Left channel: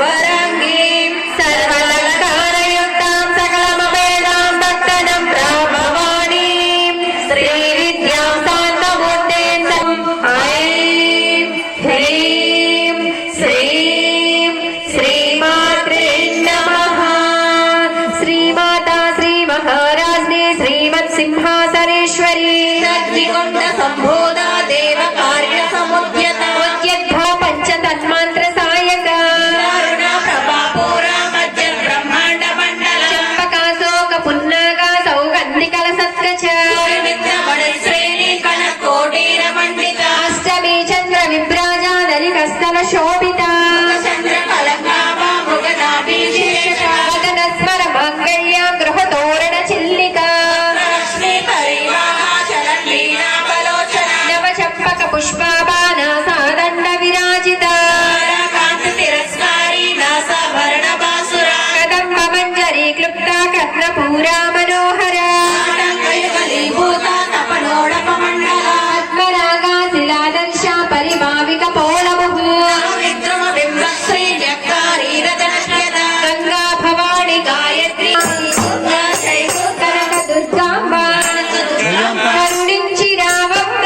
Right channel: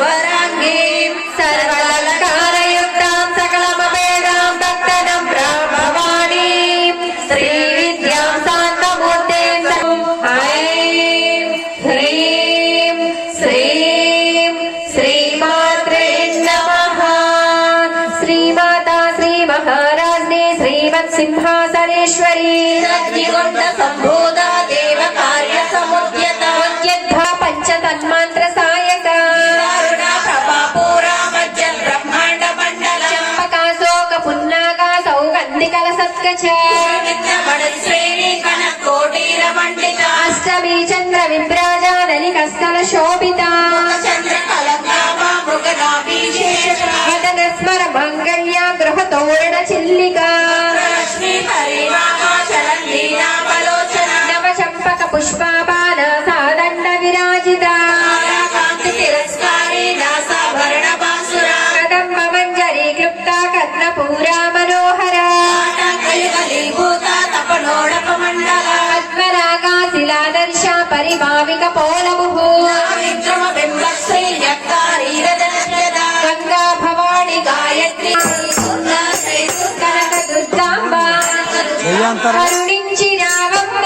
वराङ्गीं सर्वालङ्कारयुक्तां सकलमवेदां भक्तनं ब्रह्मवाणीं श्रीविद्यां शान्तमूर्तिं ऐं ह्रीं श्रीं श्रीमात्रे नमः। श्रीमाता श्रीमहाराज्ञी श्रीमत्सिंहासनेश्वरी सद्विकुण्ड सम्भूता देव कार्य समुद्यता उद्यद्धा पंचतन्मांत्र सायका प्रभा पूरा मध्य ब्रह्मांड मंडल चंपकाशोक पुन्नागा सौगंधिकल सत्कच श्रेणी कनकोटीर मंडित अष्टमी चंद्र विभ्राजा नलिकस्थल शोभिता चंद्र कलंकाभा मृगनाभिषेक वदन स्मर मंगल्य गृह तोरण चिल्लिका रश्मि परिवाहा चलन लीला बलोचन नव चंपक पुष्पाबाण सादंड विराजिता कांत तिरस्कारी नासाभरण बासुरा कदंब मंजरी क्लुप्ता कर्णपूरा मनोहरा कलिभूता तपनोडक मंडल पद्मरागा शिलादर्श परिभाविक पौलमुः विक्रम बिंब श्री न्यक्कारी रजनस्यद गंगा भवानी गायत्री कनक दुर्गांबा करुणिंచి రావమ్మ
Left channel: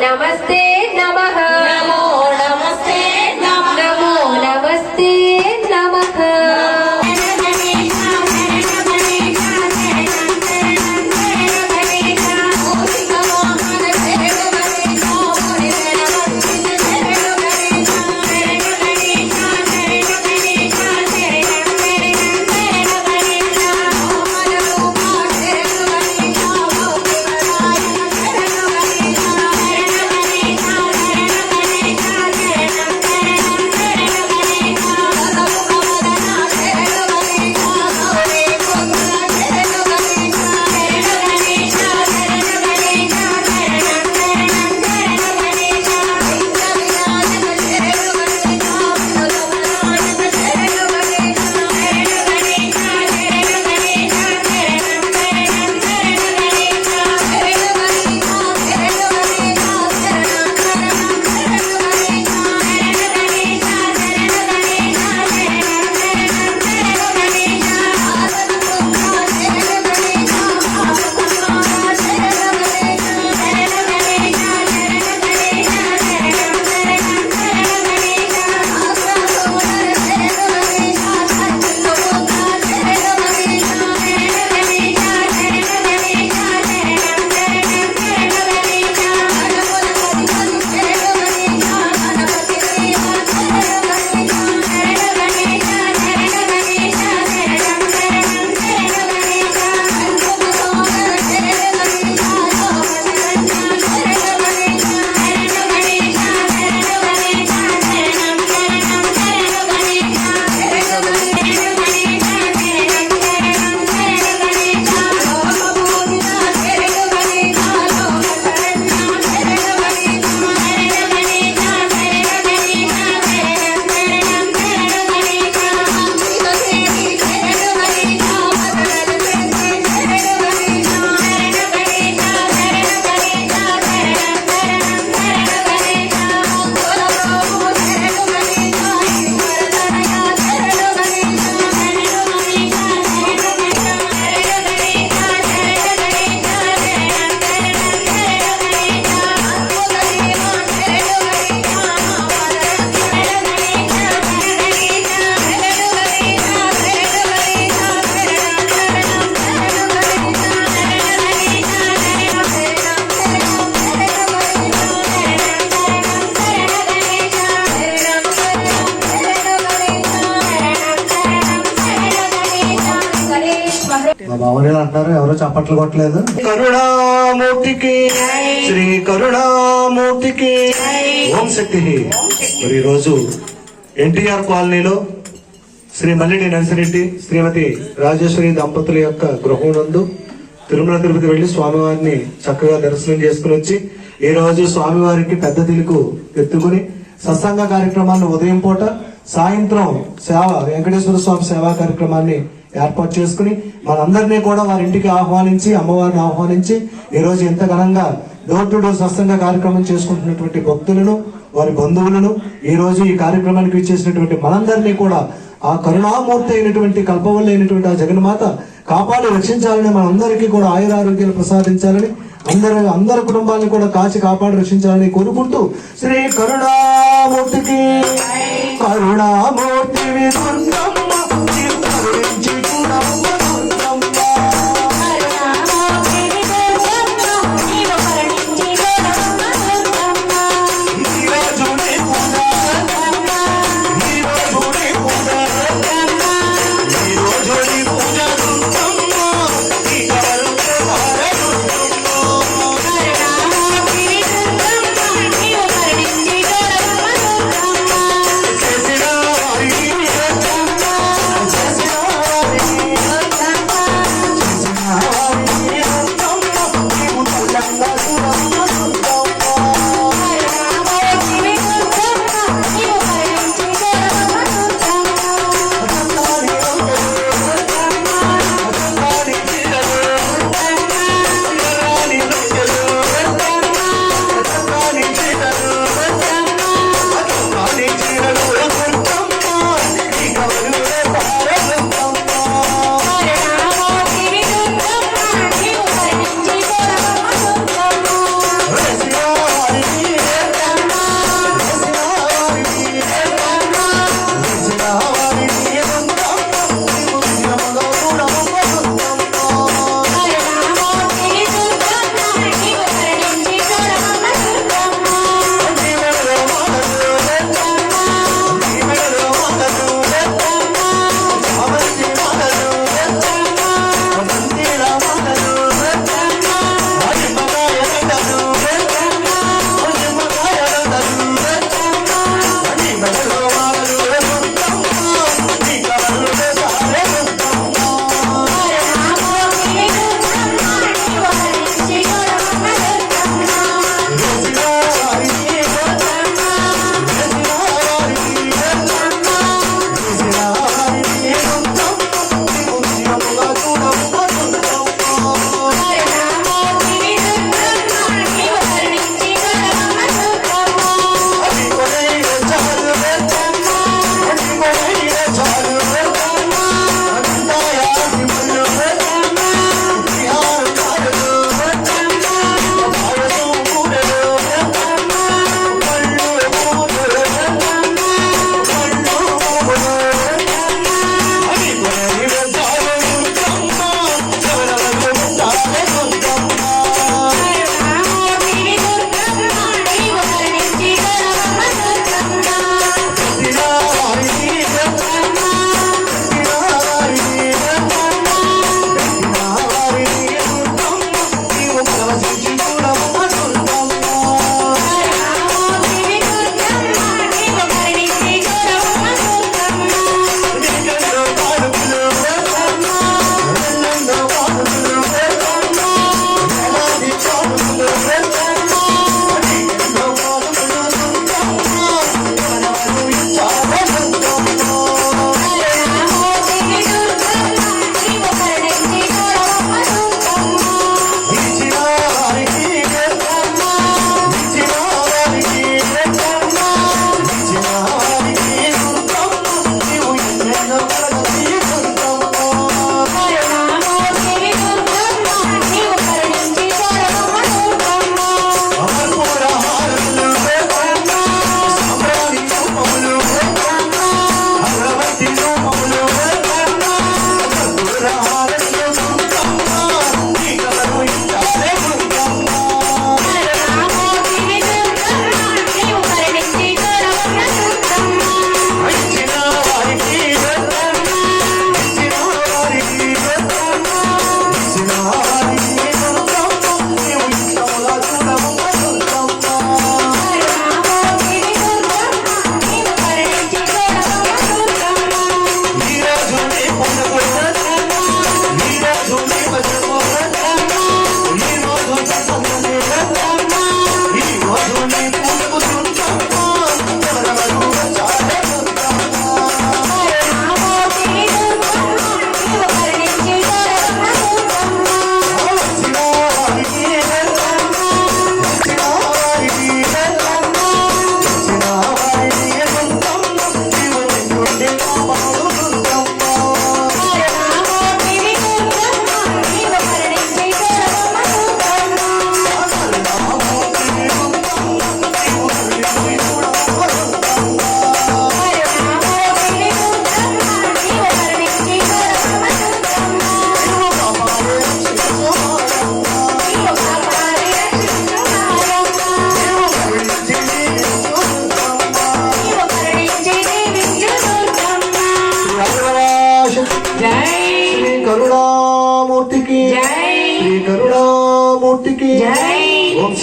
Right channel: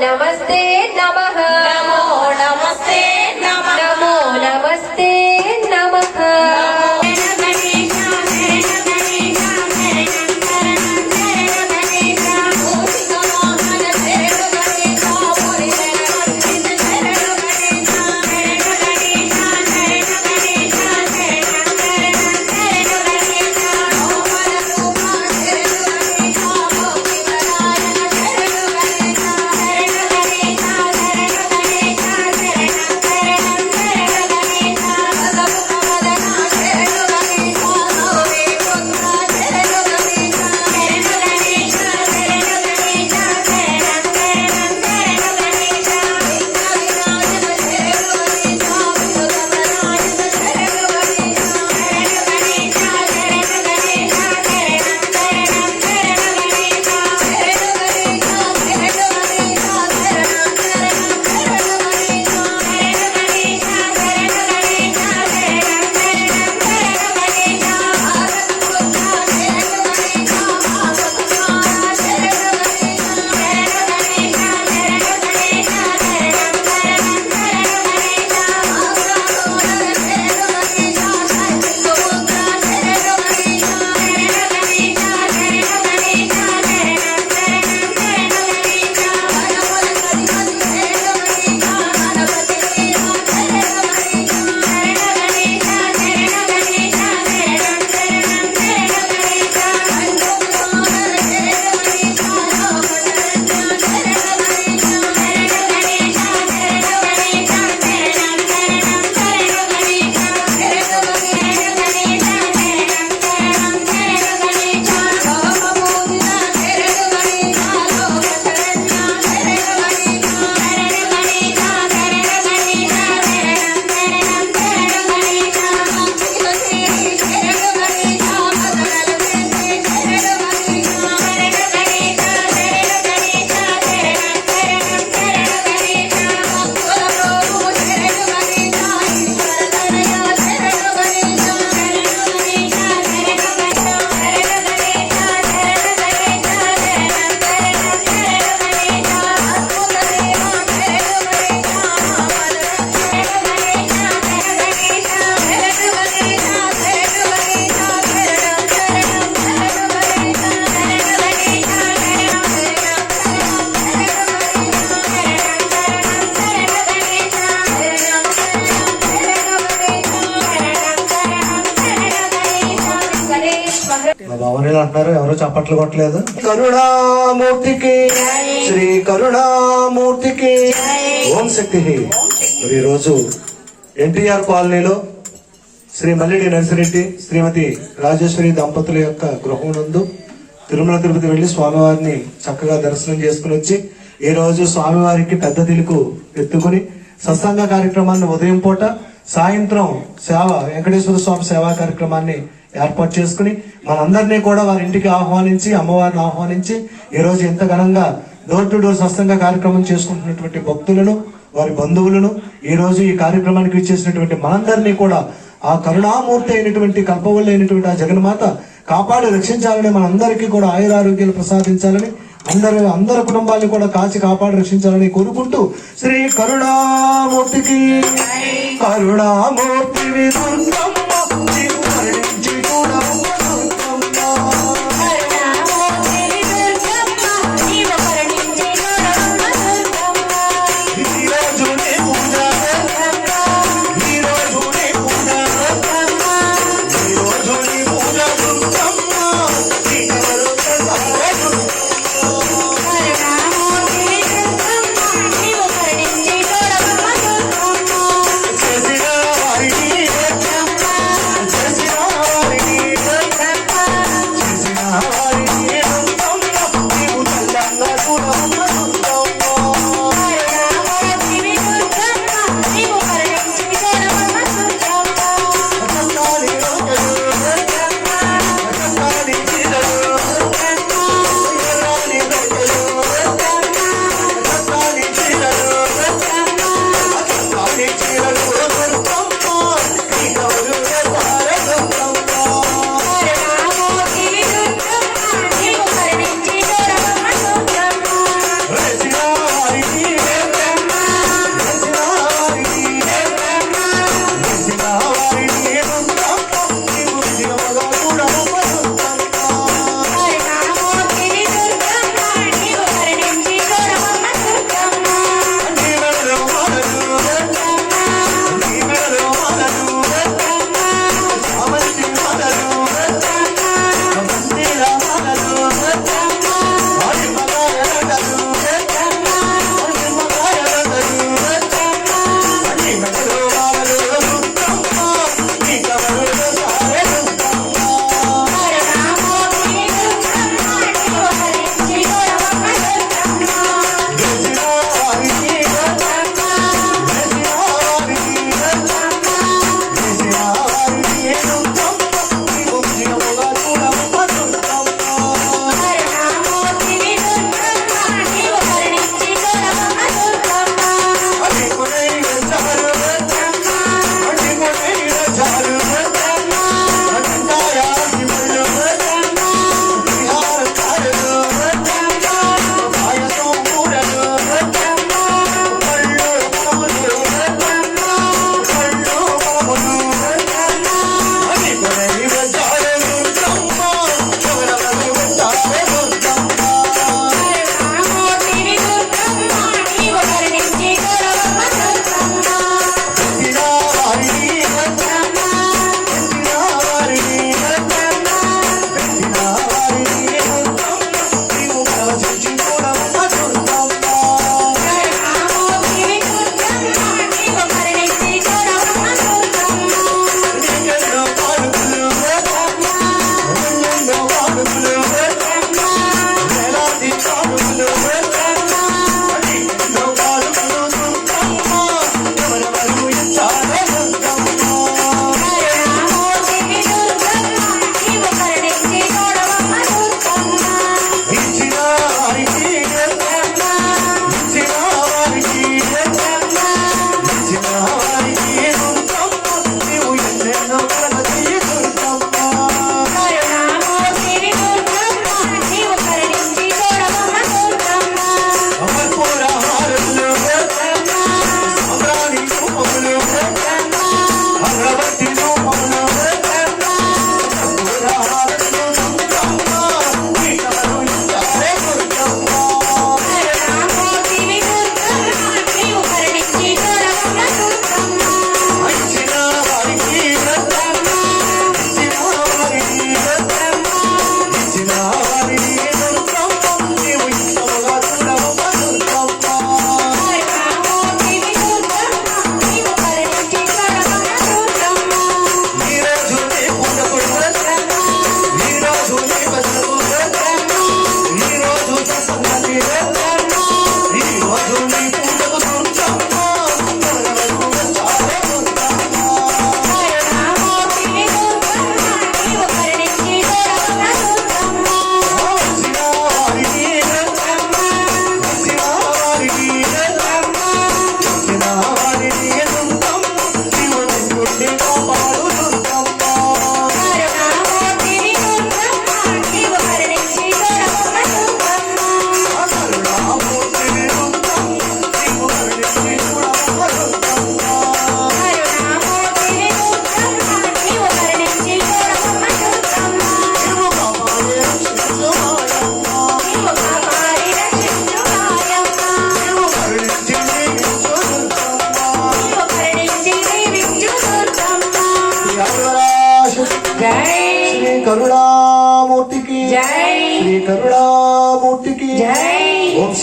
नमस्ते नमः नमो नमस्ते नमः नमो नमस्ते नमः మా భావనీలు అంటున్నారు, ఎవరో చప్పట్లు కొట్టలేదు. కరుణామూర్తికి, శ్రీ కరుణామూర్తికి ఓం శక్తి. మరి ఈరోజు ఎన్టీఆర్ కాలనీలో శ్రీ మల్లిడి నర్సిరెడ్డి శ్రీమతి రాజేశ్వరి దంపతుల యొక్క గృహం నందు తిరుమల తిరుపతి వెళ్లి స్వామివారిని చక్కగా దర్శనం చేసుకుని వచ్చి ఈ రోజు స్వామివారికి పెద్ద తిలుకు ఎత్తుకుని సత్సంగ కార్యక్రమాన్ని ఉదయం పూట, సాయంత్రం సేవ వెంకటేశ్వర స్వామి సేవా కార్యక్రమాన్ని ఏర్పాటు చేసుకుని మనందరినీ కూడా వారి ఇంటికి ఆహ్వానించి, అమ్మవారిని ఆహ్వానించి ఈ రోజు ఎంత ఘనంగా డోర్ టు డోర్ సత్సంగ కార్యక్రమం చేసుకుంటున్నటువంటి భక్తులను, వారి బంధువులను, ఈ రోజు ఈ కార్యక్రమానికి ఇచ్చేసినటువంటి మనందరినీ కూడా ఆ కరుణామూర్తి అయినటువంటి కల్పవల్లి అయినటువంటి ఆ జగన్మాత కాపాడి రక్షించాలని, మనందరికీ కూడా ఆయురారోగ్యాలు ప్రసాదించాలని, అందరి కుటుంబాలను కూడా కాచి కాపాడి రక్షించాలని కోరుకుంటూ శ్రీ కరుణామూర్తికి కరుణామూర్తి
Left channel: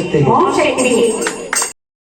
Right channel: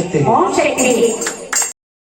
శక్తి ఓం శక్తి